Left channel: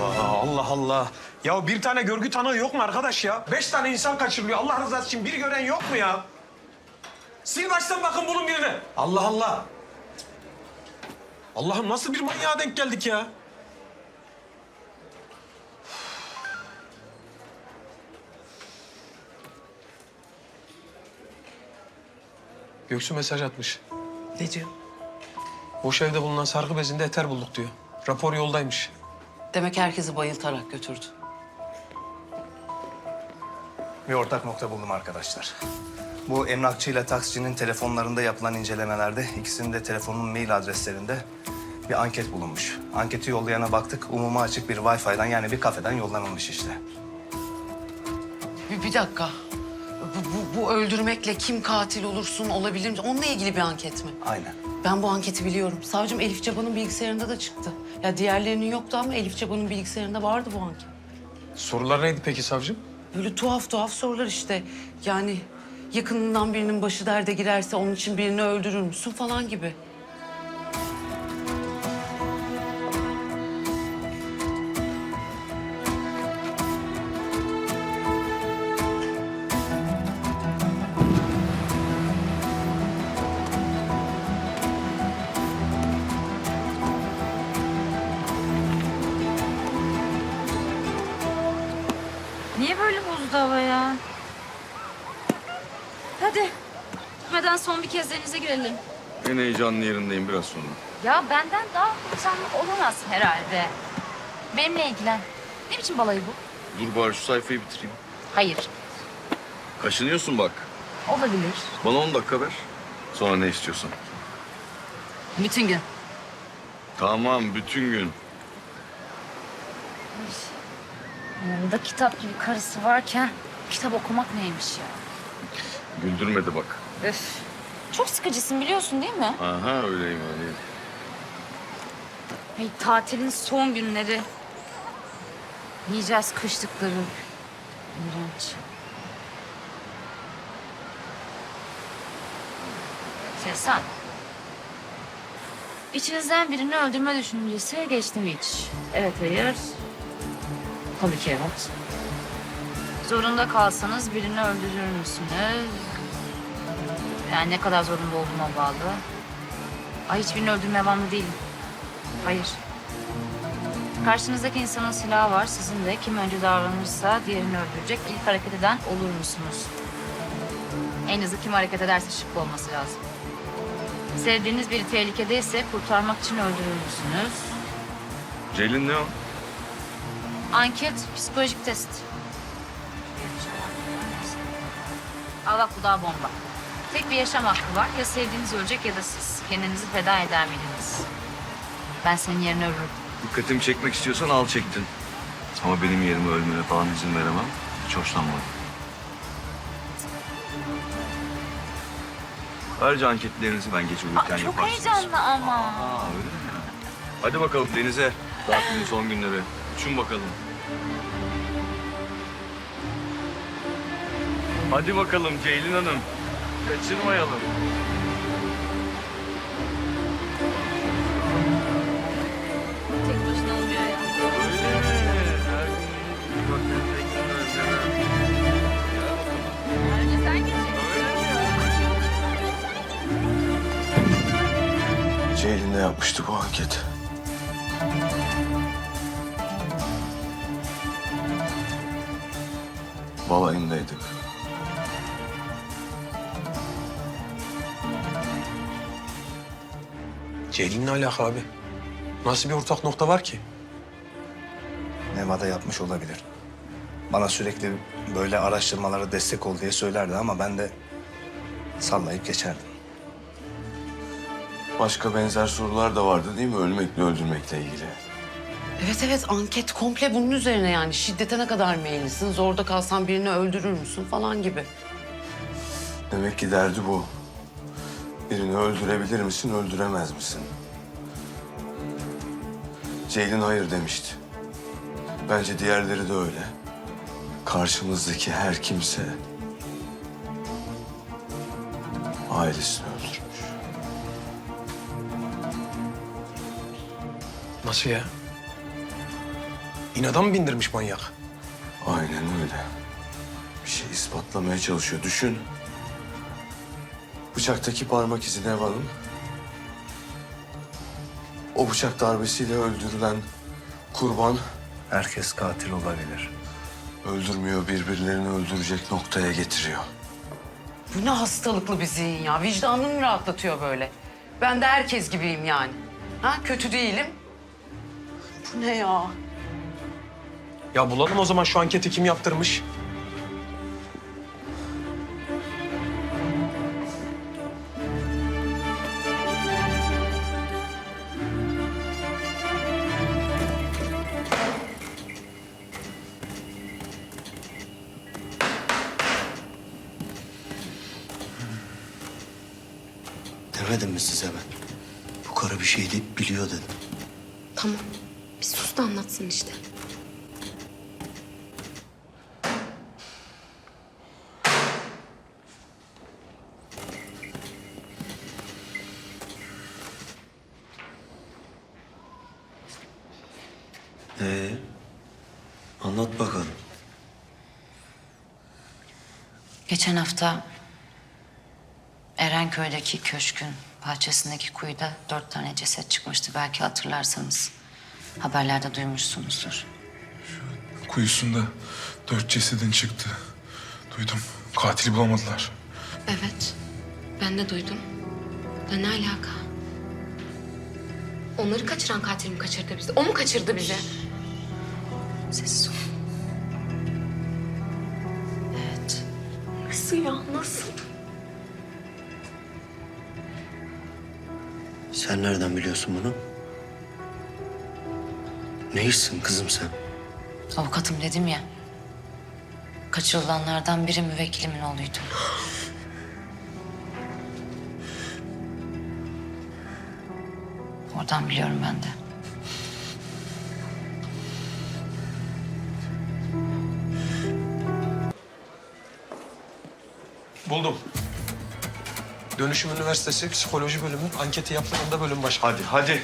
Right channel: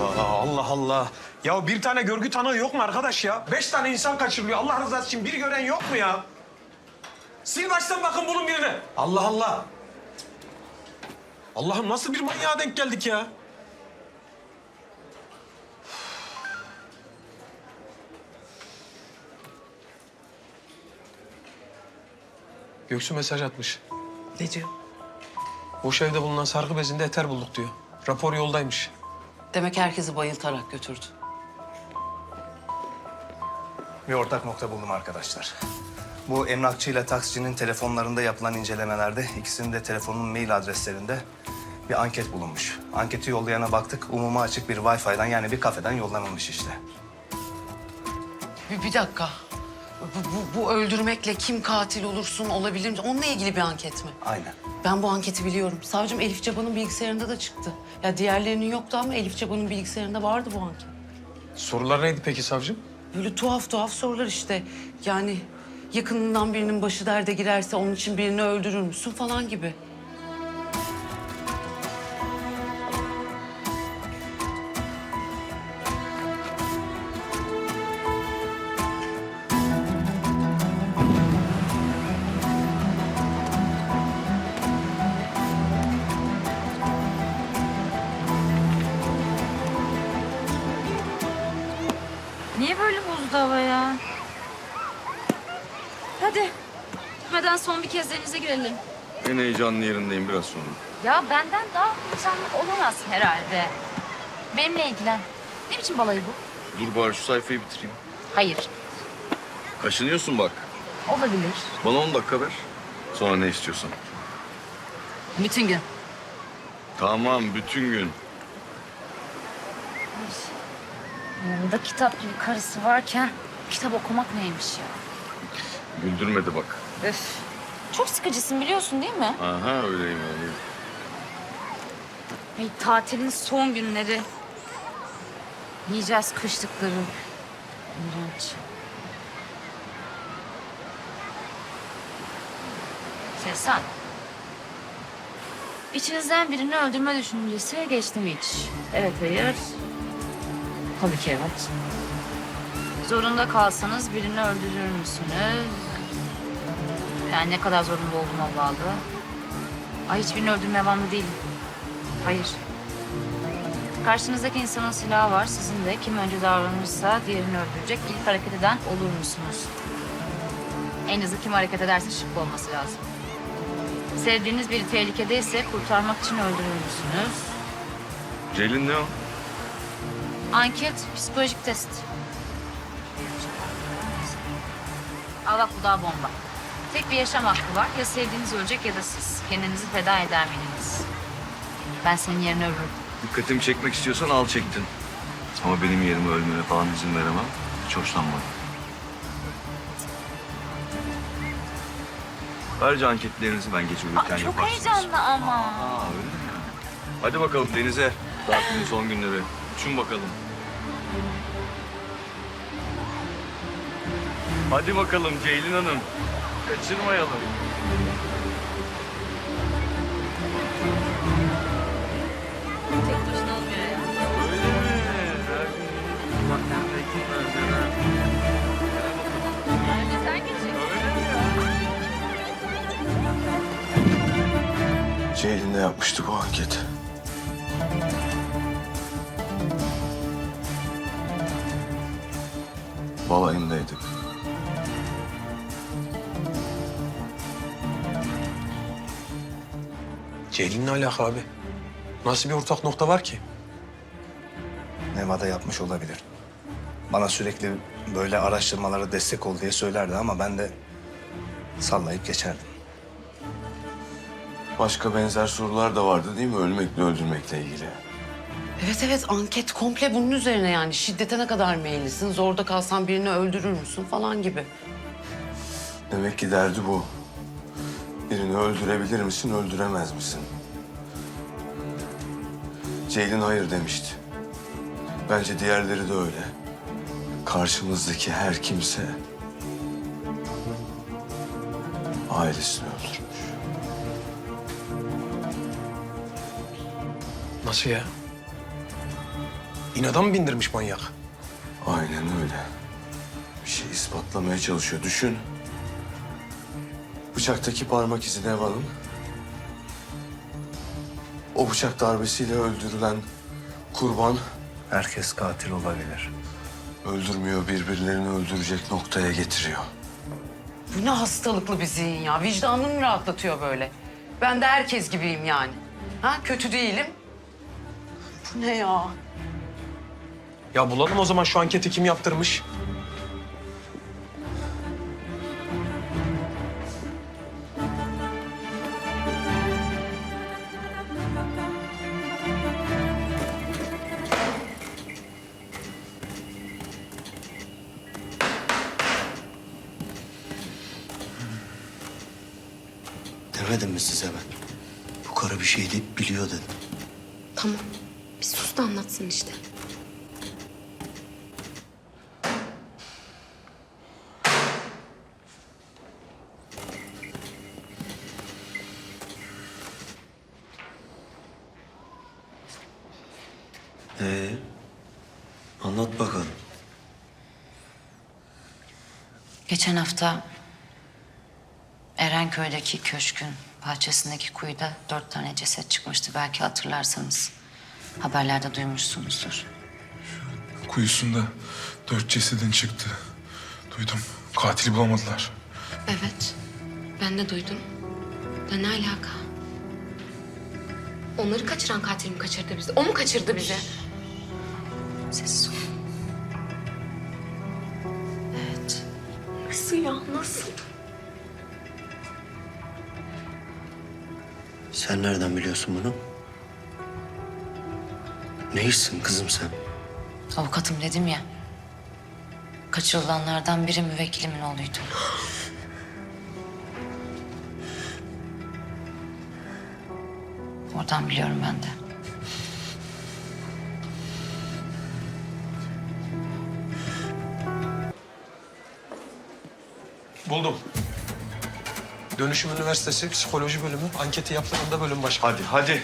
Allah Allah, Allah. Ya bir tane görgü tanığı yok mu arkadaş ya? Beş tane insan kaçırılıyor. Allah rızası için bir gören yok mu ya? Sil baştan bakın bulun birini. Allah Allah. Allah'ım nasıl bir manyağa denk geldik ya? Göksu mesaj atmış. Ne diyor? Boş evde bulunan sargı bezinde eter bulduk diyor. Rapor yoldaymış. Demek herkesi bayıltarak götürdü. Bir ortak nokta buldum arkadaşlar. Bu emlakçıyla taksicinin telefonlarında yapılan incelemelerde ikisinin de telefonun mail adreslerinde bir anket bulunmuş. Anketi yollayana baktık. Umuma açık bir Wi-Fi'den yani bir kafeden yollanılmış işte. Bir, bir dakika. Bu, bu, bu öldürmekle kim katil olursun olabilir mi? Onunla ilgili bir anket mi? Aynen. Ben bu anketi biliyorum. Savcım Elif Caba'nın bilgisayarında da çıktı. Ya diğerlerinin yoktu ama Elif Caba'nın bilgisayarında vardı bu anket. Sorular neydi peki savcım? Böyle tuhaf tuhaf sorular işte. Yani yakınından birinin başı derde girerse onun için birini öldürür müsün falan gibi. Böyle bozdu hava ya? Hadi. Gitmeden son bir kez denize girelim. En heyecanlı yerindeyim biraz sonra. Ya benden daha heyecanlı olamazsın herhalde. Benimle ilgilen. Ne biçim balayı bu? Dur bari şu sayfayı bitireyim. Hayır. Kaşınıyorsun bak. Olabilir. Bana 10 dakika ver. Sonra ne istiyorsan. Bütün gün. Tamam bütün gün. Yanında kitap gibi karısı varken kitap okumak neymiş ya? Güldürmedi bak. Öf. Çok sıkıcısın biliyorsun değil mi? Aha öyleyim öyleyim. Ay, tatilin son günleri. Yiyeceğiz kışlıkları. İğrenç. Sesen. İçinizden birini öldürme düşüncesi geçti mi hiç? Evet, hayır. Tabii ki evet. Zorunda kalsanız birini öldürür müsünüz? Yani ne kadar zorunda olduğuma bağlı. Ay hiçbirini öldürmeye bağımlı değilim. Hayır. Karşınızdaki insanın silahı var. Sizin de kim önce davranırsa diğerini öldürecek ilk hareket eden olur musunuz? En hızlı kim hareket ederse şık olması lazım. Sevdiğiniz biri tehlikedeyse kurtarmak için öldürür müsünüz? Ceylin ne o? Anket, psikolojik test. Al bak bu daha bomba. Tek bir yaşam hakkı var. Ya sevdiğiniz ölecek ya da siz. Kendinizi feda eder miydiniz? Ben senin yerine ölürüm. Dikkatimi çekmek istiyorsan al çektin. Ama benim yerime ölmene falan izin veremem. Hiç hoşlanmadım. Ayrıca anketlerinizi ben geç uyurken Aa, çok yaparsınız. heyecanlı ama. Aa öyle mi? Hadi bakalım denize. Tatilin son günleri. Uçun bakalım. Hadi bakalım Ceylin Hanım. Kaçırmayalım. Tek başına olmuyor ya. Öyle mi? Her gün yeni bir bak reklamlar neler. Gel bakalım. Ayrıca sen geleceksin. Öyle mi ya? Ceylin'de yapmıştık o anketi. Balayındaydık. Ceylin ne alaka abi? Nasıl bir ortak nokta var ki? Nevada yapmış olabilir. Bana sürekli böyle araştırmalara destek ol diye söylerdi ama ben de sallayıp geçerdim. Başka benzer sorular da vardı değil mi? Ölmekle öldürmekle ilgili. Evet evet anket komple bunun üzerine yani. Şiddete ne kadar meyillisin, zorda kalsan birini öldürür müsün falan gibi. Demek ki derdi bu. Birini öldürebilir misin, öldüremez misin? Ceylin hayır demişti. Bence diğerleri de öyle. Karşımızdaki her kimse ailesini öldürmüş. Nasıl ya? İnada mı bindirmiş manyak? Aynen öyle. Bir şey ispatlamaya çalışıyor. Düşün. Bıçaktaki parmak izi Nev Hanım. O bıçak darbesiyle öldürülen kurban Herkes katil olabilir. öldürmüyor, birbirlerini öldürecek noktaya getiriyor. Bu ne hastalıklı bir zihin ya. Vicdanını mı rahatlatıyor böyle? Ben de herkes gibiyim yani. Ha kötü değilim. Bu ne ya? Ya bulalım o zaman şu anketi kim yaptırmış? Demedim mi size ben? Bu karı bir şey deyip biliyor dedim. Tamam. Bir sus da anlatsın işte. Ee, anlat bakalım. Geçen hafta Erenköy'deki köşkün bahçesindeki kuyuda dört tane ceset çıkmıştı. Belki hatırlarsanız. Haberlerde duymuşsunuzdur. Kuyusunda dört cesedin çıktı. Duydum. Katili bulamadılar. Evet. Ben de duydum. Da ne alaka? Onları kaçıran katil mi kaçırdı bizi? O mu kaçırdı bizi? Sessiz ol. Evet. Nasıl ya? Nasıl? Sen nereden biliyorsun bunu? Ne işsin kızım sen? Avukatım dedim ya. Kaçırılanlardan biri müvekkilimin oğluydu. Oradan biliyorum ben de. Buldum. Dönüşüm Üniversitesi Psikoloji Bölümü anketi yaptığında bölüm başkanı. Hadi, hadi.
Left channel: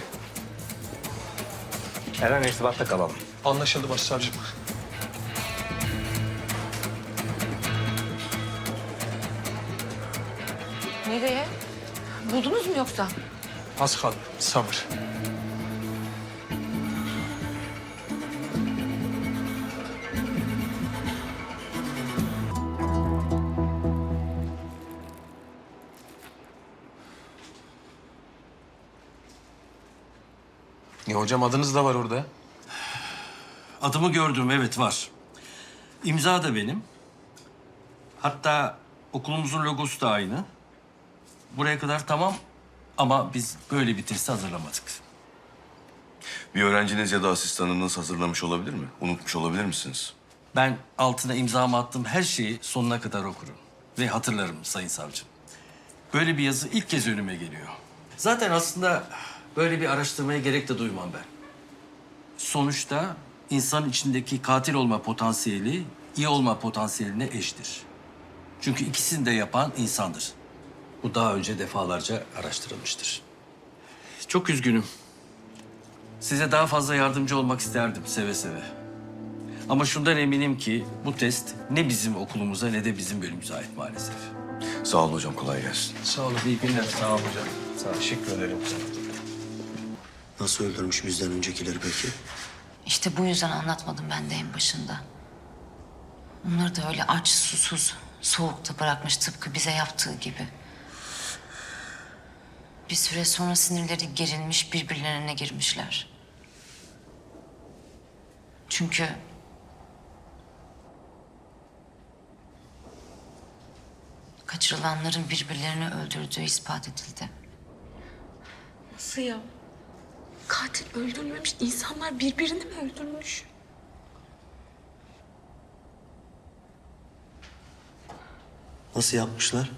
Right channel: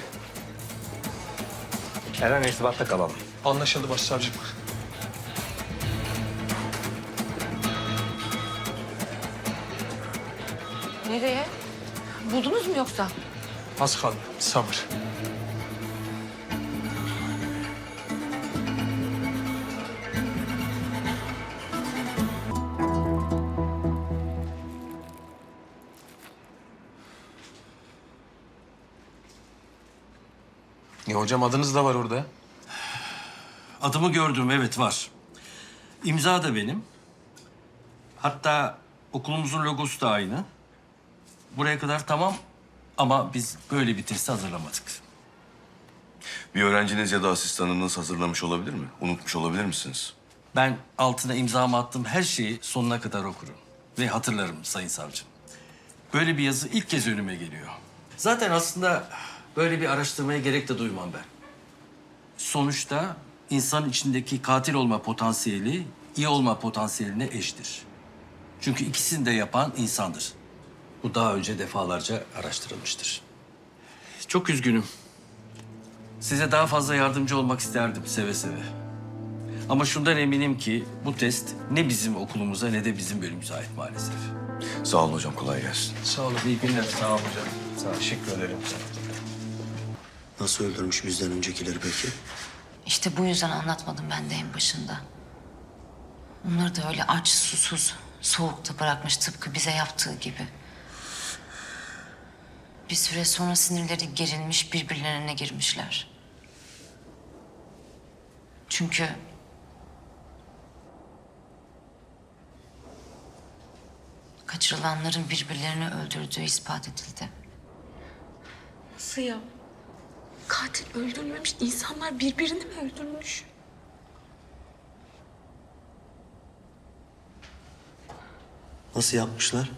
Eren irtibatta kalalım. Anlaşıldı başsavcım. Nereye? Buldunuz mu yoksa? Az kaldı. Sabır. Ya hocam adınız da var orada. Adımı gördüm evet var. İmza da benim. Hatta okulumuzun logosu da aynı. Buraya kadar tamam ama biz böyle bir testi hazırlamadık. Bir öğrenciniz ya da asistanınız hazırlamış olabilir mi? Unutmuş olabilir misiniz? Ben altına imzamı attığım her şeyi sonuna kadar okurum. Ve hatırlarım sayın savcım. Böyle bir yazı ilk kez önüme geliyor. Zaten aslında böyle bir araştırmaya gerek de duymam ben. Sonuçta insan içindeki katil olma potansiyeli iyi olma potansiyeline eşdir. Çünkü ikisini de yapan insandır. Bu daha önce defalarca araştırılmıştır. Çok üzgünüm. Size daha fazla yardımcı olmak isterdim seve seve. Ama şundan eminim ki bu test ne bizim okulumuza ne de bizim bölümümüze ait maalesef. Sağ olun hocam, kolay gelsin. Sağ olun. İyi günler. Sağ olun hocam. Sağ ol. Teşekkür ederim. Nasıl öldürmüş bizden öncekileri peki? İşte bu yüzden anlatmadım ben de en başında. Onları da öyle aç, susuz, soğukta bırakmış tıpkı bize yaptığı gibi. Bir süre sonra sinirleri gerilmiş, birbirlerine girmişler. Çünkü kaçırılanların birbirlerini öldürdüğü ispat edildi. Nasıl ya? Katil öldürmemiş, insanlar birbirini mi öldürmüş? Nasıl yapmışlar?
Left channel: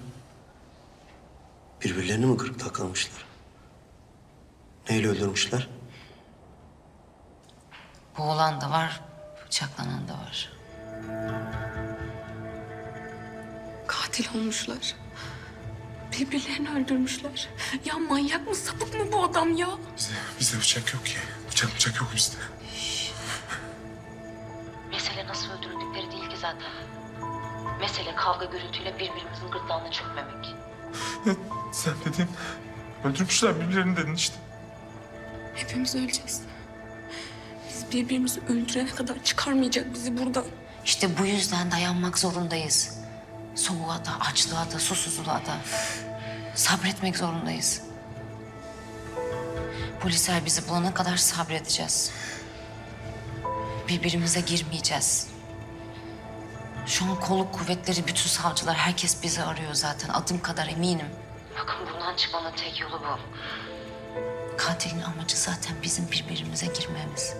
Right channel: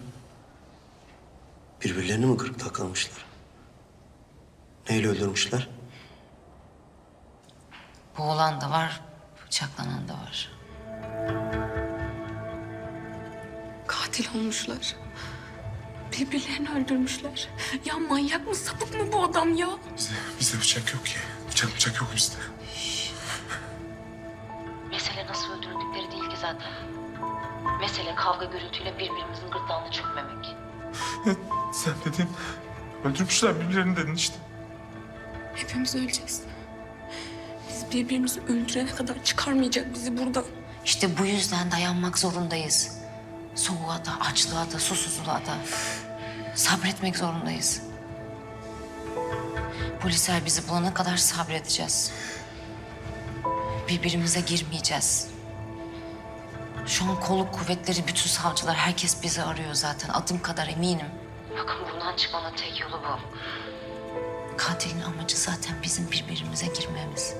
Birbirlerini mi kırıp takılmışlar? Neyle öldürmüşler? Boğulan da var, bıçaklanan da var. Katil olmuşlar. Birbirlerini öldürmüşler. Ya manyak mı, sapık mı bu adam ya? Bizde, bizde bıçak yok ki. Bıçak bıçak yok bizde. Mesele nasıl öldürüldükleri değil ki zaten. Mesele kavga gürültüyle birbirimizin gırtlağına çökmemek. Sen dedin. Öldürmüşler birbirlerini dedin işte. Hepimiz öleceğiz. Biz birbirimizi öldürene kadar çıkarmayacak bizi buradan. İşte bu yüzden dayanmak zorundayız. Soğuğa da, açlığa da, susuzluğa da. Sabretmek zorundayız. Polisler bizi bulana kadar sabredeceğiz. Birbirimize girmeyeceğiz. Şu an kolluk kuvvetleri, bütün savcılar, herkes bizi arıyor zaten. Adım kadar eminim. Bakın bundan çıkmanın tek yolu bu. Katilin amacı zaten bizim birbirimize girmemiz.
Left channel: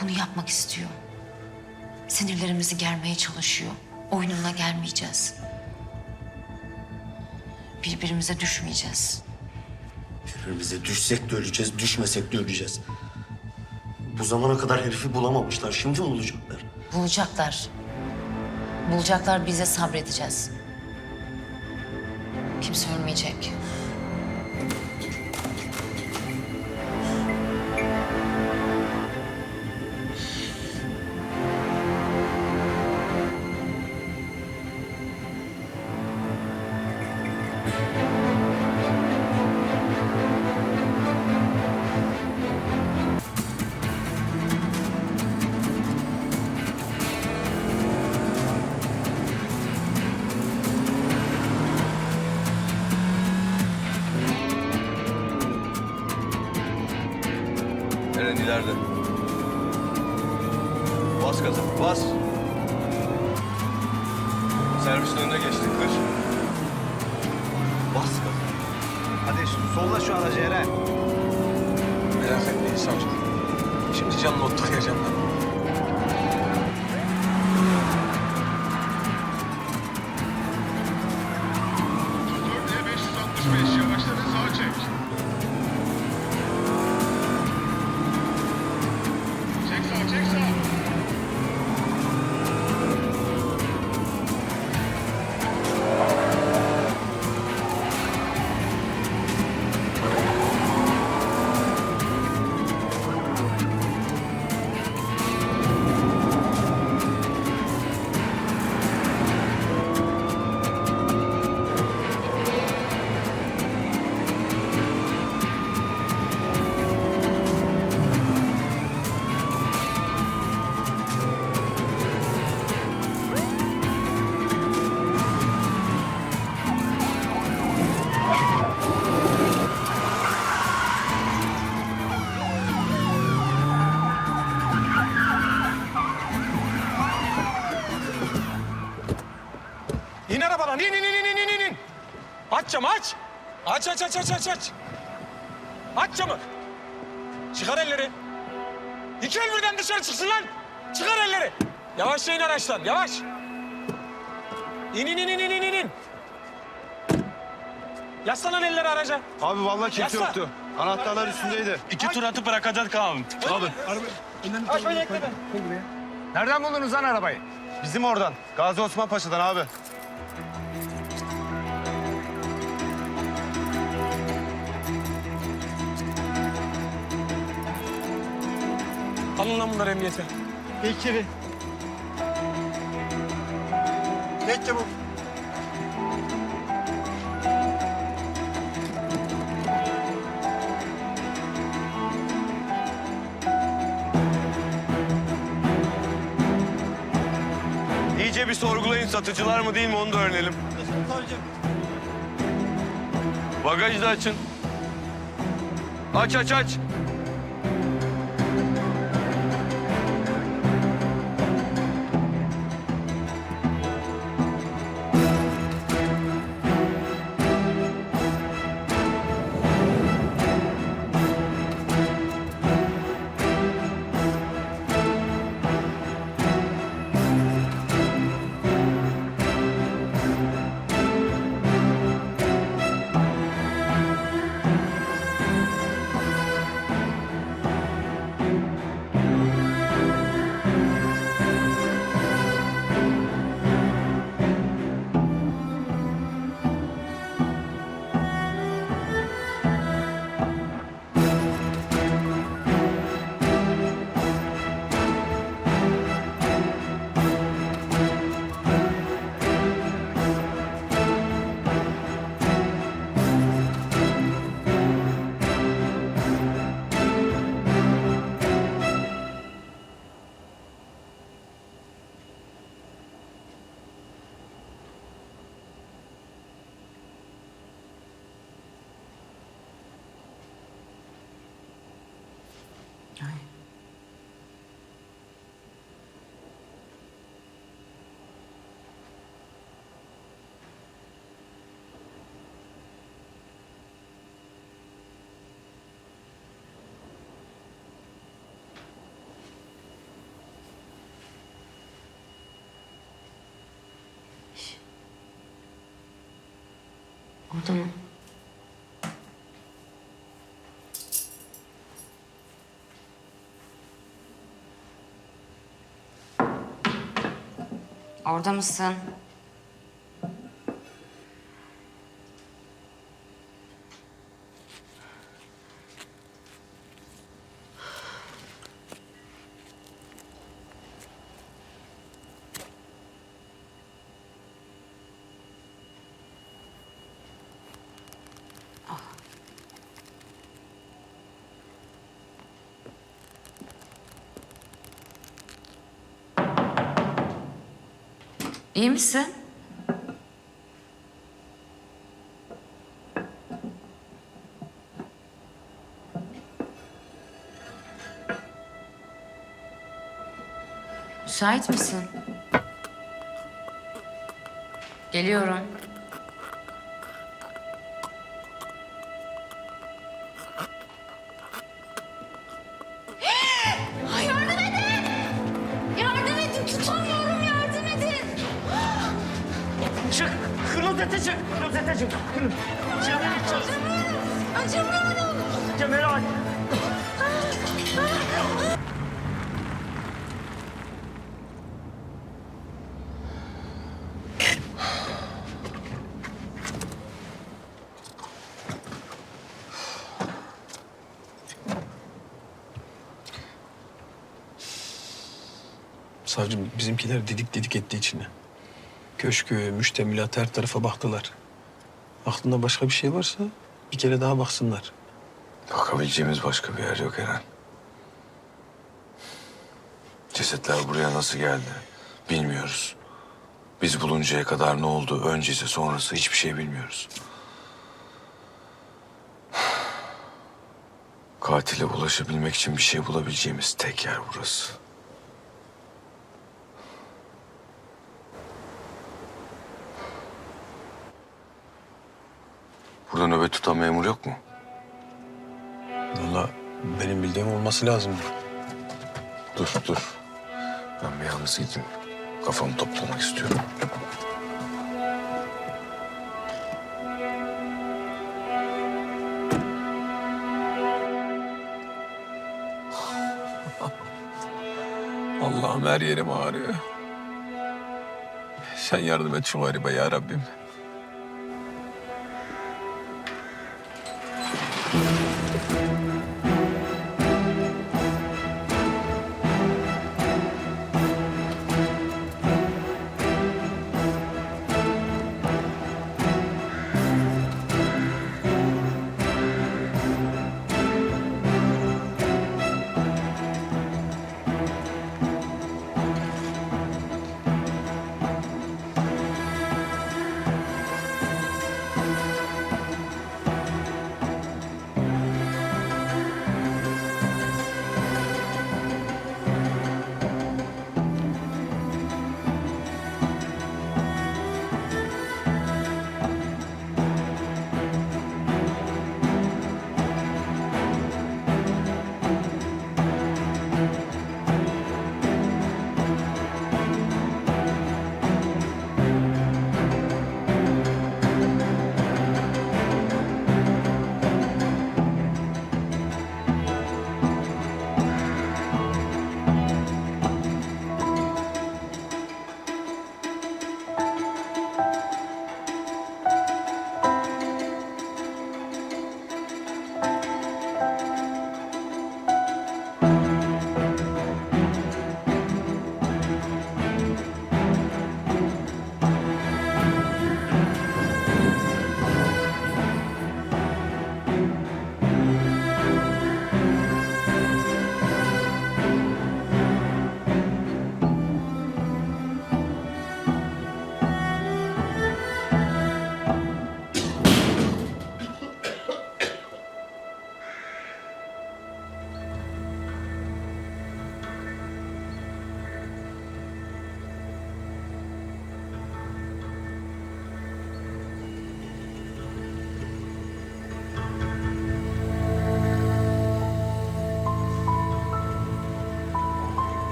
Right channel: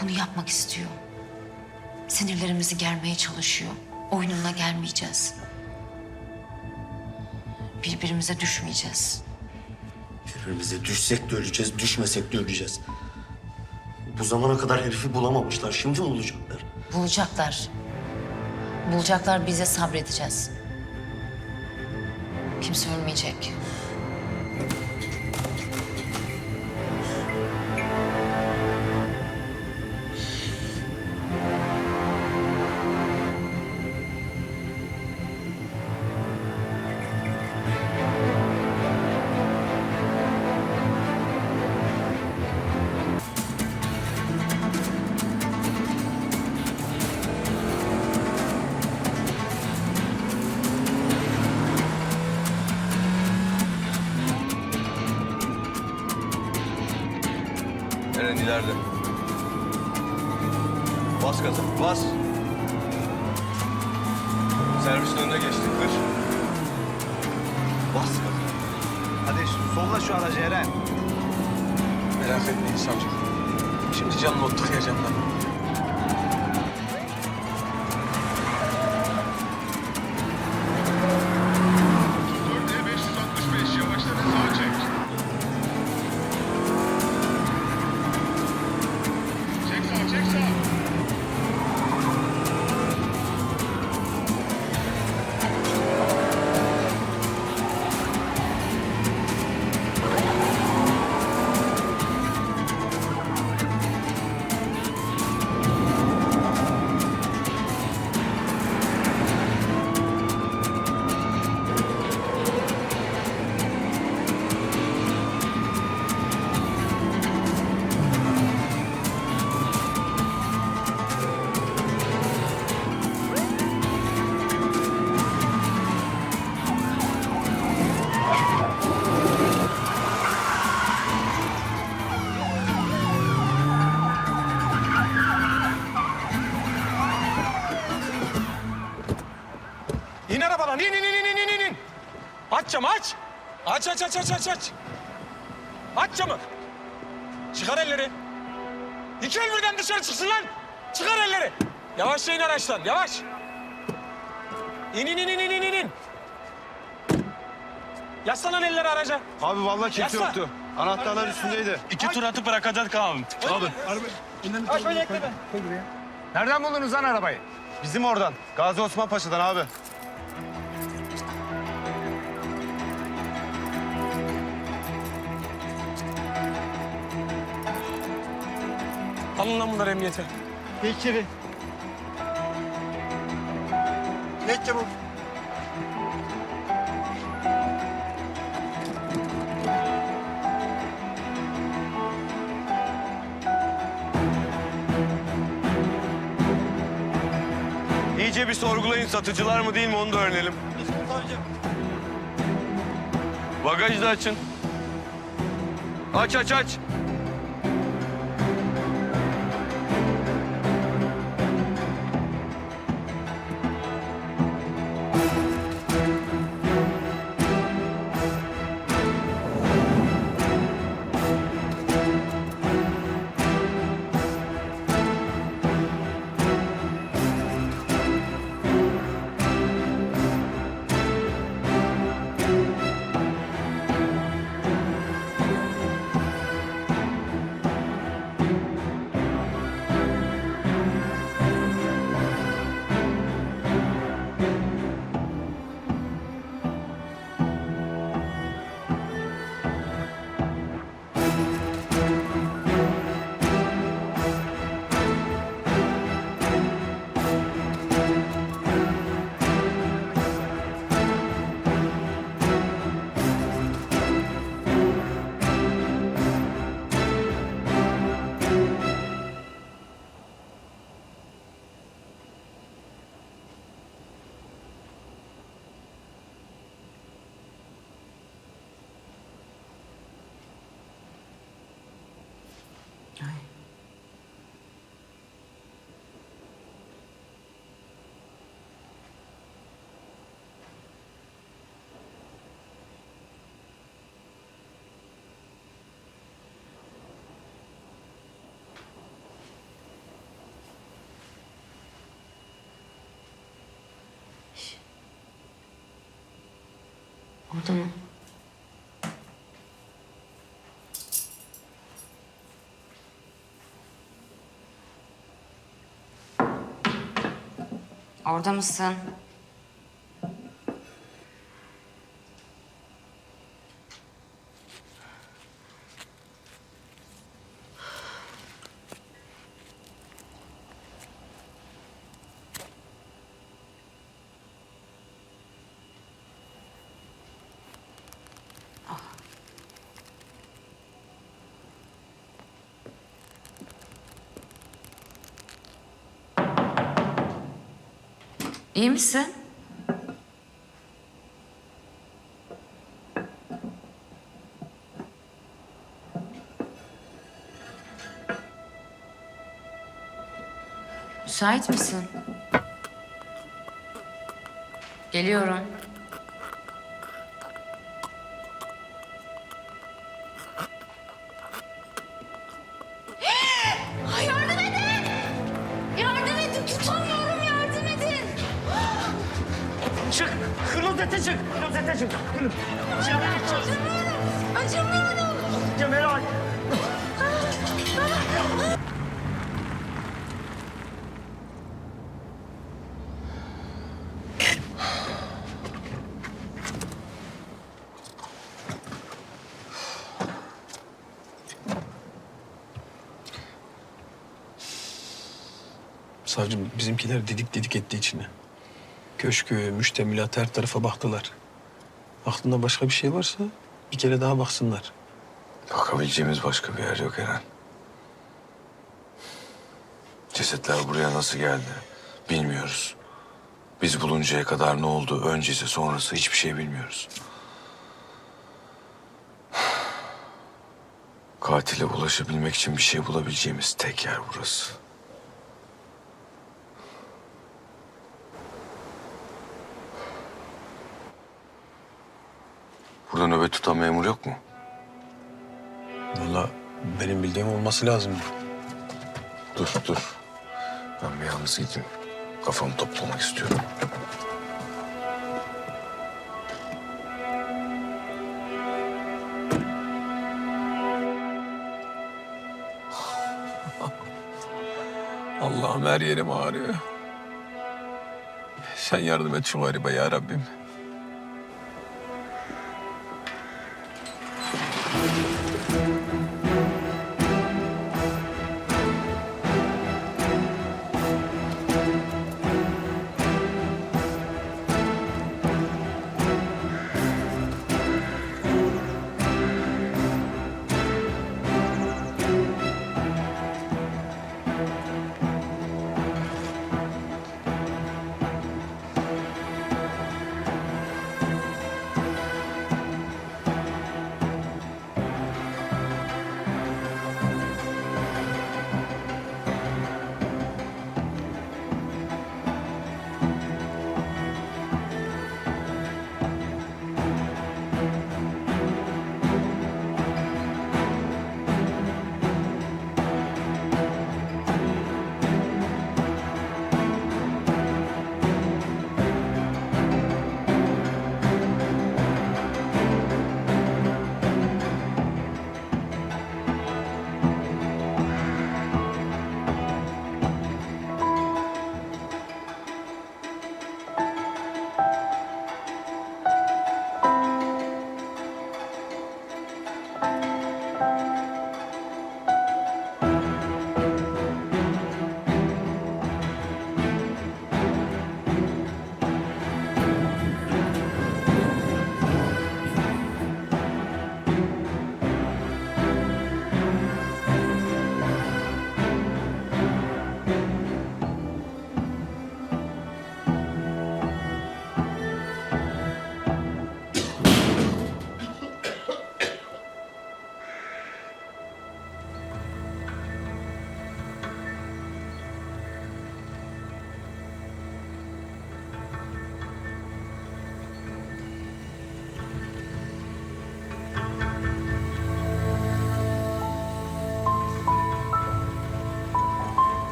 Bunu yapmak istiyor. Sinirlerimizi germeye çalışıyor. Oyununa gelmeyeceğiz. Birbirimize düşmeyeceğiz. Birbirimize düşsek de öleceğiz, düşmesek de öleceğiz. Bu zamana kadar herifi bulamamışlar. Şimdi mi bulacaklar? Bulacaklar. Bulacaklar bize sabredeceğiz. Kimse ölmeyecek. İleride. Bas gaza, bas. Servisin önüne geçtik, kır. Bas gaza. Hadi solla şu aracı Eren. Merak etmeyin savcım. Şimdi canını oturtacağım ben. İn Aç camı, aç. Aç, aç, aç, aç, aç, aç. Aç camı. Çıkar elleri. İki el birden dışarı çıksın lan. Çıkar elleri. Yavaşça in araçtan, yavaş. İn, in, in, in, in, in, elleri araca. Abi vallahi kimse Yasla. yoktu. Anahtarlar üstündeydi. İki tur atıp bırakacak abi. Abi. Aç böyle ekleden. Nereden buldunuz lan arabayı? Bizim oradan. Gazi Osman Paşa'dan abi. Alın lan bunları emniyete. İçeri. Ne çabuk. İyice bir sorgulayın satıcılar mı değil mi onu da öğrenelim. Bagajı da açın. Aç aç aç. Orada mı? Orada mısın? İyi misin? Müsait misin? Geliyorum. Klozete çık! Acımıyorum! Acımıyorum! Cemal! Savcım bizimkiler didik didik etti içine. Köşkü, müştemilat her tarafa baktılar. Aklında başka bir şey varsa bir kere daha baksınlar. Bakabileceğimiz başka bir yer yok Eren. Cesetler buraya nasıl geldi bilmiyoruz. Biz buluncaya kadar ne oldu öncesi sonrası hiçbir şey bilmiyoruz. Katile ulaşabilmek için bir şey bulabileceğimiz tek yer burası. Burada nöbet tutan memur yok mu? Vallahi benim bildiğim olması lazım. Dur dur. Ben bir yalnız gideyim. Kafamı toplamak istiyorum. Allah'ım her yerim ağrıyor. Sen yardım et şu garibe ya Rabbim.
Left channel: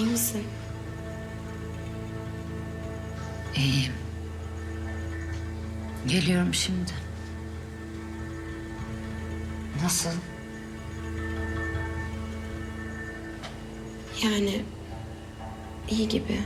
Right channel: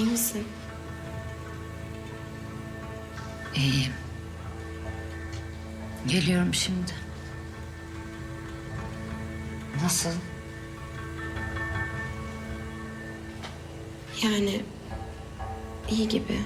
İyi misin? İyiyim. Geliyorum şimdi. Nasıl? Yani iyi gibi.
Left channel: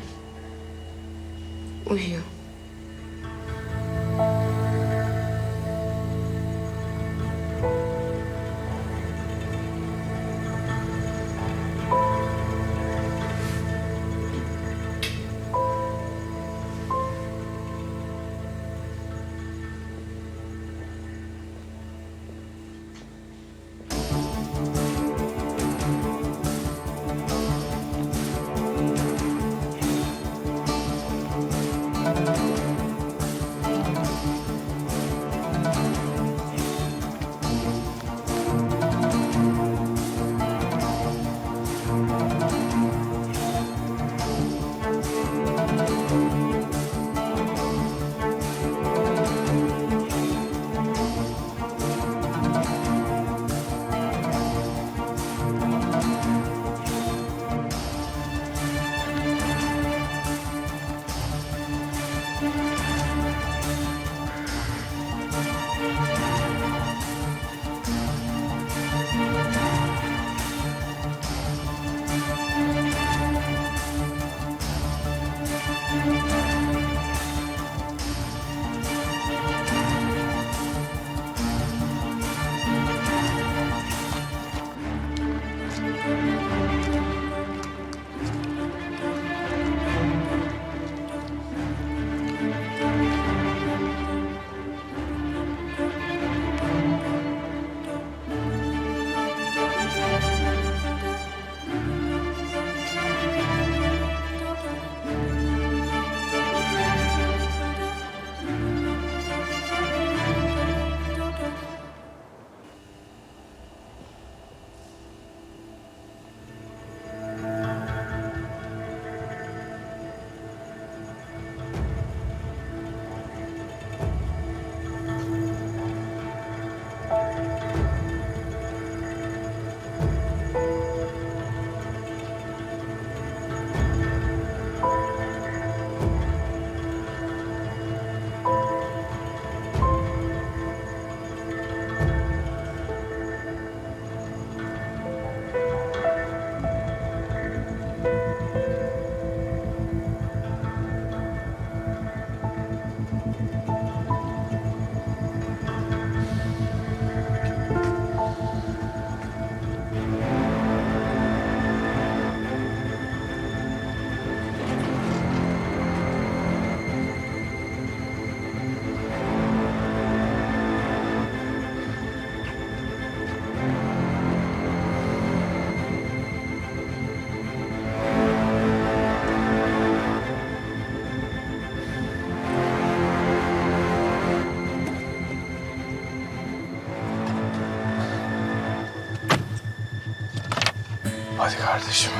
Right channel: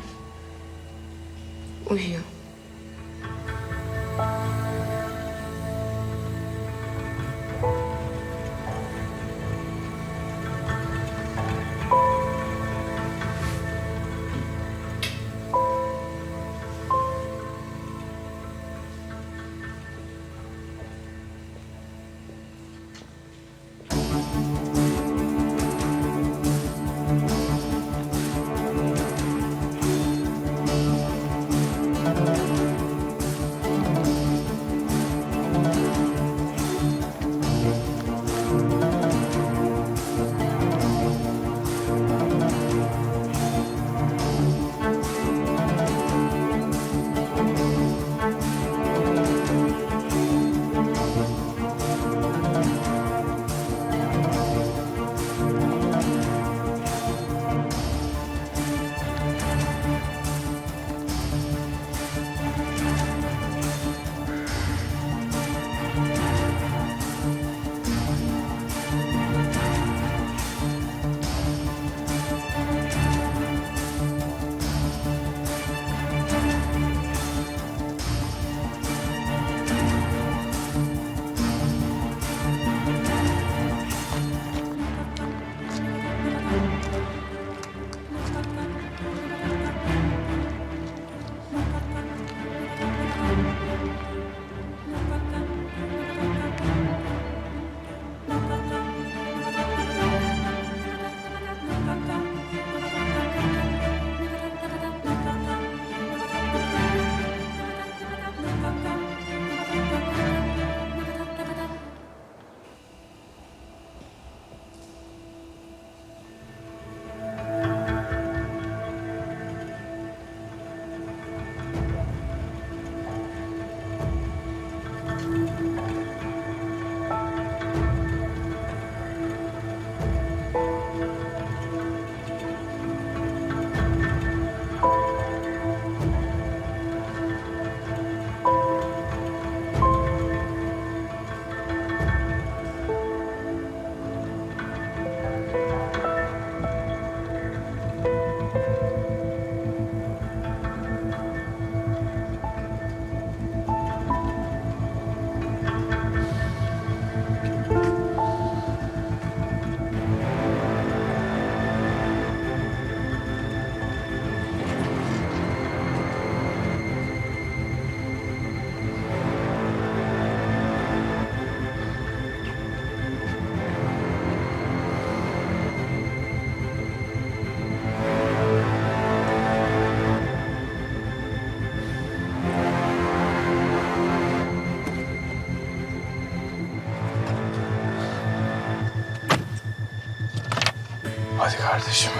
Kardeşim.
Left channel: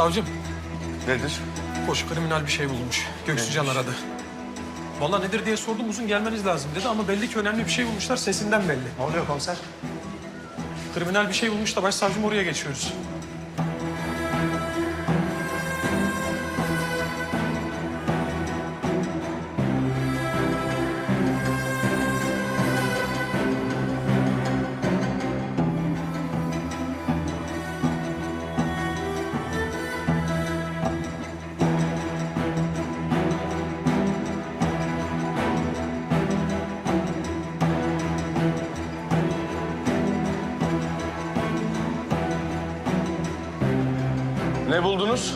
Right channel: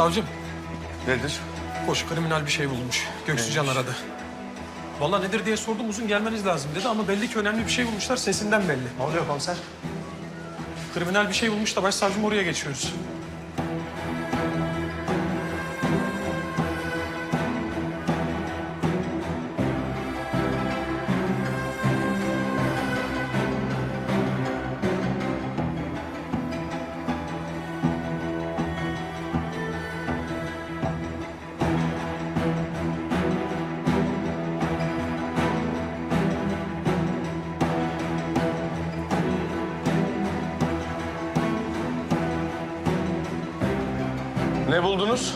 Savcım, Nedir? koş kriminal bir şey bulmuş. Göksucan aradı. Vallahi nedir diye sordum uzun gelmeniz lazım dedi ama belli ki önemli bir şey bulmuşlar sesinden belli. Ne oluyor komiser? Kriminal bir şey bulmuş da başsavcım oraya geçiyoruz. Ne buldunuz?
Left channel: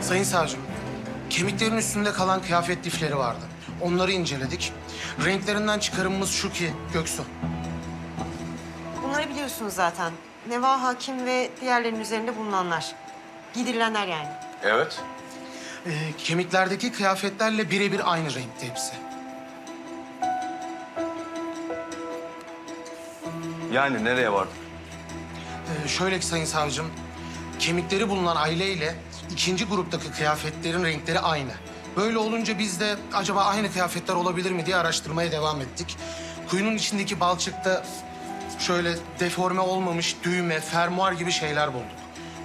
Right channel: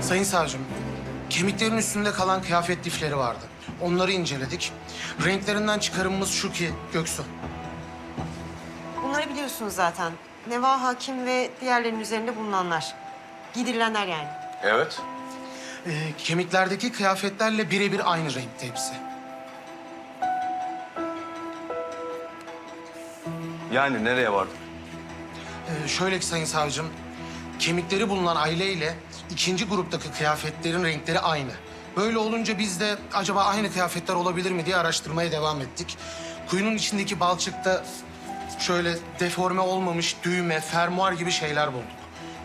Sayın savcım, kemiklerin üstünde kalan kıyafet lifleri vardı. Onları inceledik. Renklerinden çıkarımımız şu ki Göksu. Bunları biliyorsunuz zaten. Neva Hakim ve diğerlerinin üzerinde bulunanlar. Giydirilenler yani. Evet. Ee, kemiklerdeki kıyafetlerle birebir aynı renkte hepsi. Yani nereye vardık? Ee, şöyle ki sayın savcım, kemikleri bulunan aileyle ikinci gruptaki kıyafetlerin renkleri aynı. Böyle olunca biz de acaba aynı kıyafetler olabilir mi diye araştırmaya devam ettik. Kuyunun içindeki balçıkta şöyle deforme olmamış düğme, fermuar gibi şeyler bulduk.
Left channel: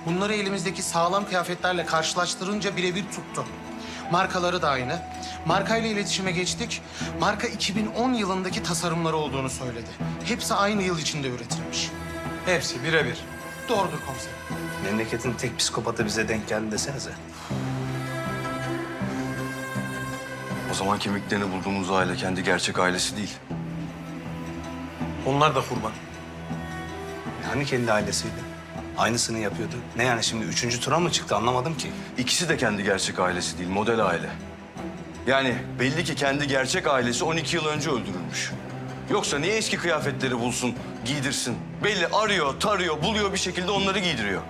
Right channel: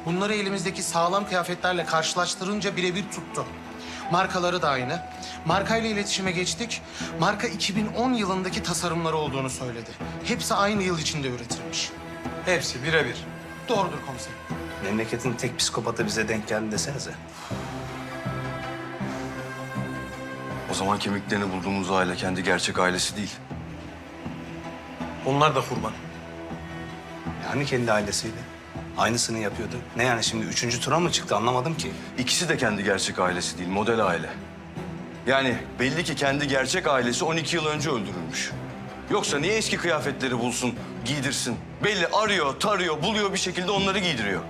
Bunları elimizdeki sağlam kıyafetlerle karşılaştırınca birebir tuttu. Markaları da aynı. Markayla iletişime geçtik. Marka 2010 yılındaki tasarımları olduğunu söyledi. Hepsi aynı yıl içinde üretilmiş. Hepsi birebir. Doğrudur komiserim. Memleketin tek psikopatı bize denk geldi desenize. O zaman kemiklerini bulduğumuz aile kendi gerçek ailesi değil. Onlar da kurban. Yani kendi ailesiydi. Aynısını yapıyordu. Ne yani şimdi üçüncü tura mı çıktı anlamadım ki. İkisi de kendi gerçek ailesi değil, model aile. Yani belli ki kendi gerçek ailesi 12 yıl önce öldürülmüş. Yoksa niye eski kıyafetleri bulsun, giydirsin? Belli arıyor, tarıyor, buluyor bir şekilde onları giydiriyor.